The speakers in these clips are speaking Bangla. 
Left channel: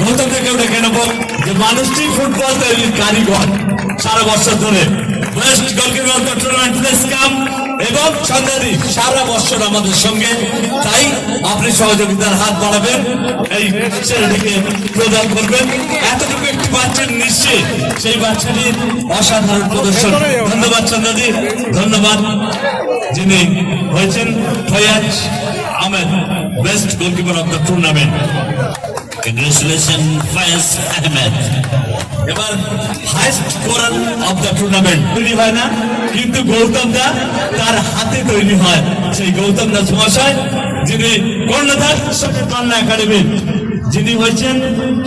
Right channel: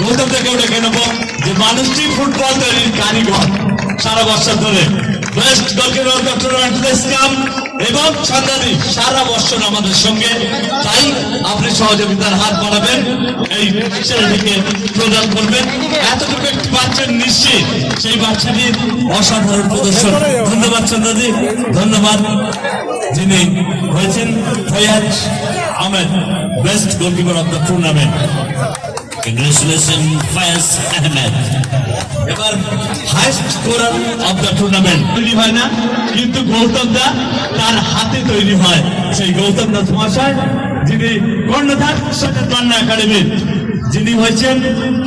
গৌতম ডেকে নেব যে মানুষটি ফুটবল তৈরির কারিগর। সারা বছর ধরে বেস্ট গোলকিপার টুর্নামেন্ট দিস কাম এবং সন্ধ্যাদি সারা বছর আমাদের সঙ্গে। তাই আপনি সহযোগিতার হাত বাড়াবেন, এই ছেলেটিকে প্রদান করবেন। এতটুকু একটি বাচ্চার নিশ্চিত, সেই বাচ্চাটির অসাধারণ প্রদর্শন। ধন্যবাদ সন্ধ্যাদি ধন্যবাদ যিনি হয়েছেন Fayaz Ahmed best goalkeeper of the tournament congratulation Faiz Ahmed এবার highest scorer of the tournament তৈরি হয় না, কিন্তু গৌতম দা তার হাতে তৈরি হয়। সেই গৌতম দাস মহাশয়, যিনি কর্ণধার কন্যা একাডেমির যিনি হয়েছেন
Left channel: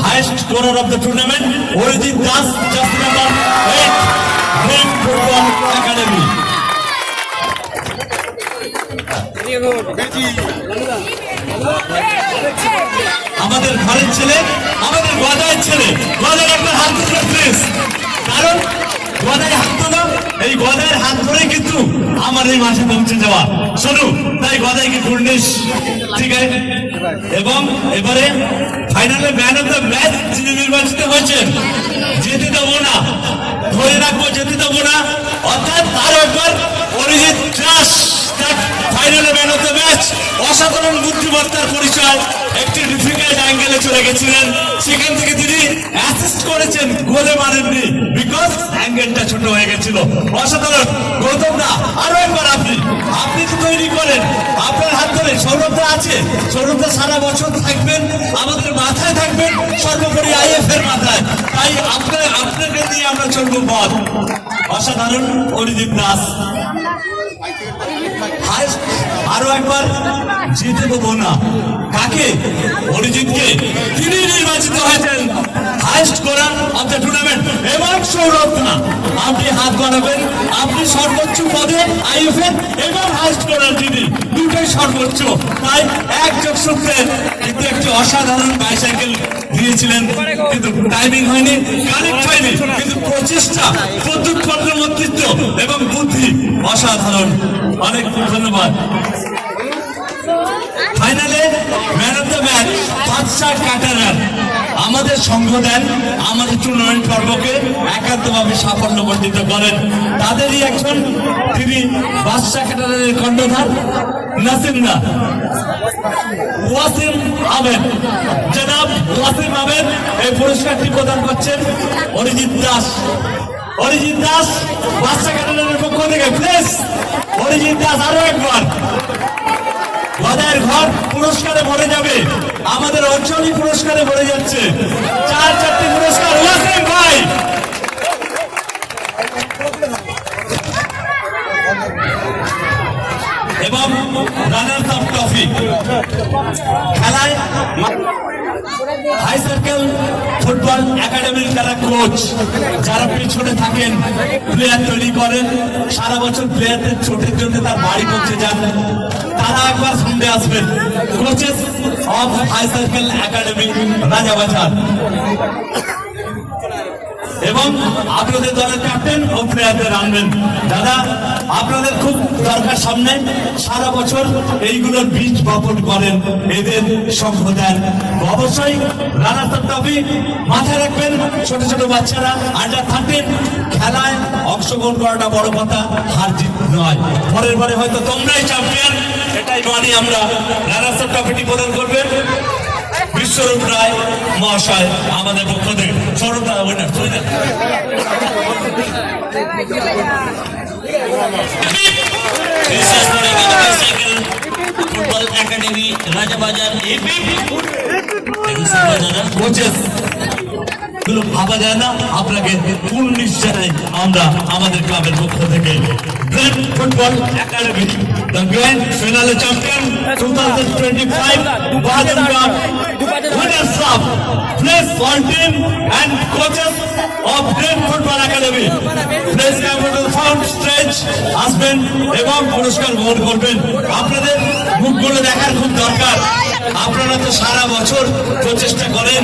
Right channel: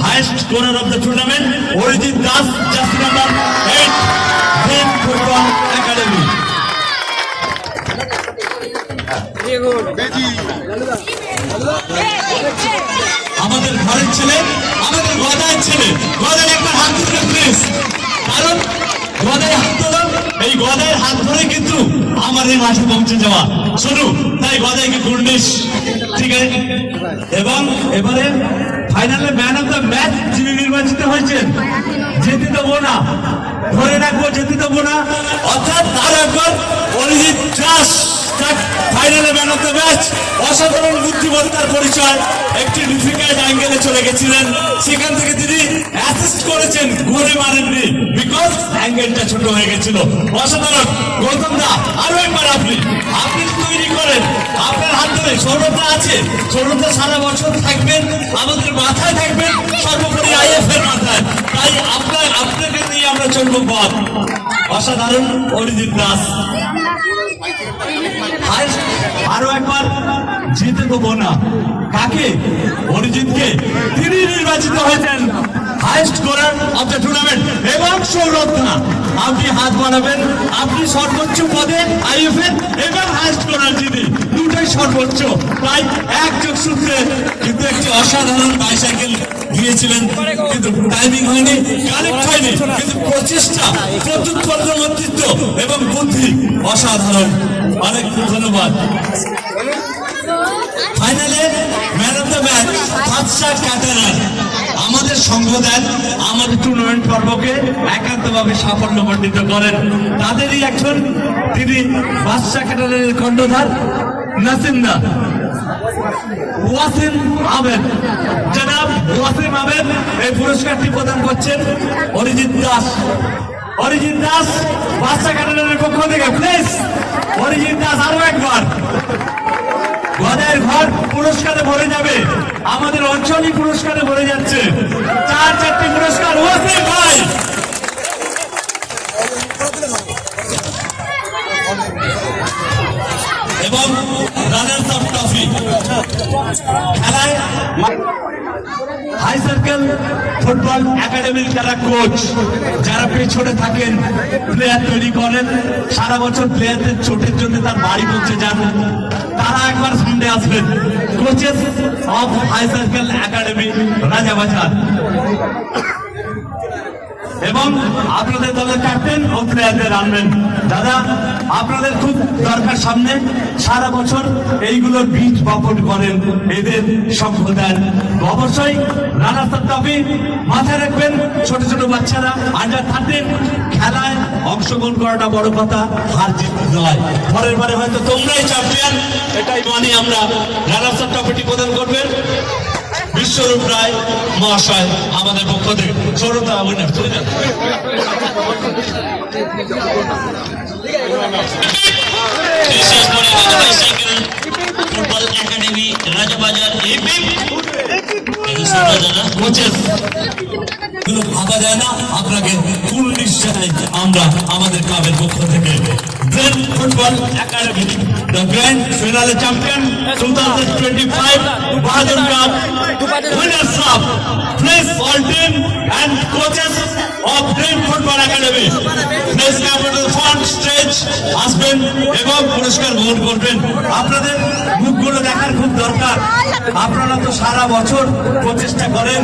highest scorer of the tournament Arijit Das just number eight dream football academy. আমাদের ঘরের ছেলে, আমাদের গদায়ের ছেলে। গদায় একটা হাত ধরো প্লিজ কারণ গদায় হাত ধরা এই গদায়ের হাত ধরে কিন্তু আমার এই মাঠে পৌঁছে যাওয়া। শোনো তাই গদাইকে গুডনেস ঠিক আছে? এবং এবারে ফাইনালে ম্যান অফ দ্য ম্যাচ যিনি নির্বাচিত হয়েছেন যেতে দেবো না, ধরে রাখব যেতে দেবো না। অর্থাৎ আরও একবার অরিজিৎ ফাইনালে ম্যান অফ দ্য ম্যাচ অসাধারণ বুদ্ধিমত্তার পরিচয়, একটি ডিফিকাল্ট অ্যাঙ্গেলে চলে গেছিলেন। সেখান থেকে তিনি অ্যাসিস্ট করেছেন, গোলে মারেননি বিকজ অ্যাঙ্গেলটা ছোট হয়ে গেছিল। অসাধারণ, গৌতম দা, আরও একবার আপনি। আপনি তো তৈরি করেন। আপনার হাত ধরে সৌরভদা আছে। সৌরভদা সারা বছর থাকবেন, আমাদের মাথায় থাকবেন, সর্বোপরি আইএফ এর মাথায়। তাই আপনার, আপনাকে দিয়ে আমরা চলবো পথ। অসাধারণ, অরিজিৎ দাস। আরও একবার জিতে দেবো না। কাকে? অরিজিৎকে। তিনি নির্বাচিত হয়েছেন হাইস্ট করার অফ দ্য টুর্নামেন্ট এবং সৌরভ না। আপনি হাত বাড়াবেন। আপনি সর্বোচ্চ পদে আইএফএন এবং হাইস্ট করার যিনি, দুটোই সর্বোচ্চ। তাই এক যোগ সূত্রে অসাধারণ বাইসাইকেল দিয়েছিলেন, কিন্তু টাইমিং হয়নি কানেক্ট হয়নি, কিন্তু প্রচেষ্টা প্রত্যুৎপন্ন মন্ত্রিত্ব এবং বুদ্ধি অসাধারণ। অনেক ধন্যবাদ। ফাইনালে ম্যান অফ দ্য ম্যাচ বাদশাহ কাটারার। আমাদের সঙ্গ দেন আমাদের টুর্নামেন্ট পর্বকে একান্তভাবে সাফল্য মণ্ডিত করেন। তাদেরই একজন তিনি, বাদশাহ কাটারের কণ্ঠধার নাসিমদা। ওয়াসিম আহমেদ। জনাব ওয়াসিম আহমেদ এই পুরস্কারটি প্রদান করছেন অরিজিৎ দাস। অরিজিৎ দাস বাদশাহ কাটারের পক্ষ থেকে প্লিজ অরিজিৎ দাস আরও একবার। গদায়ের ঘর পুরস্কারে ভরে যাবে। আমাদের অঞ্চলই পুরস্কারে ভরে যাচ্ছে। চার চারটি পুরস্কার হাই সার্কেল ফুটবল একাডেমির যারা কোচ যারা পেছনে থাকেন প্লেয়ার তৈরি করেন, সারা বছর প্লেয়ারদের চোটের জন্য তার বাড়ি পৌঁছে যান। তারা একবার সামনে আসবেন। Coaches of high circle academy Rajabazar এবং আপনাদের দলের ক্যাপ্টেন ও প্লেয়ারদের আনবেন দাদা, আপনাদের খুব দরকার সামনে। সারা বছর এইগুলোর বীজ বপন করেন এদের সঙ্গ দেন অবশ্যই রানা ট্রফি মাথায় রাখবেন। ছোট ছোট বাচ্চারা আন্ডার থার্টিন খেলায় অংশগ্রহণ করাটা বড় কথা, হার জিত নয়। পরের বারে হয়তো তোমরাই চ্যাম্পিয়ন এটাই মানে আমরা রানা ট্রফিটি প্রদান করবেন বিশ্বরূপ রায় মহাশয় আমাদের পক্ষ থেকে সৌরভদা উইনার তুই না ফুটবল একাডেমি রাজাবাজার এপিক দাদা কোচেস। গুলো ভাবা যায় না আপনাকে কোন নিশ্চয় আমরা আমাদের ক্লাবের পক্ষ থেকে great football academy grand champion two thousand twenty five Bahadur cup winners of place all team and coaches of Great Football Academy. Place capital front stage আসবেন এবং পুরস্কার গ্রহণ করবেন। আপনাদের মুখগুলো দেখার খুব দরকার। আপনারা তো সারা বছর প্রচেষ্টা করেন,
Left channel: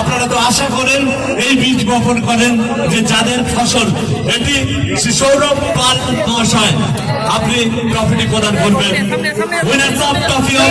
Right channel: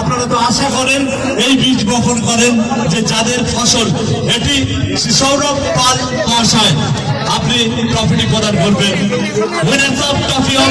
আপনারা তো আশা করেন, এই বীজ বপন করেন যে যাদের ফসল, এটি সৌরভ পাল মহাশয়, আপনি ট্রফিটি প্রদান করবেন। Winners of trophy of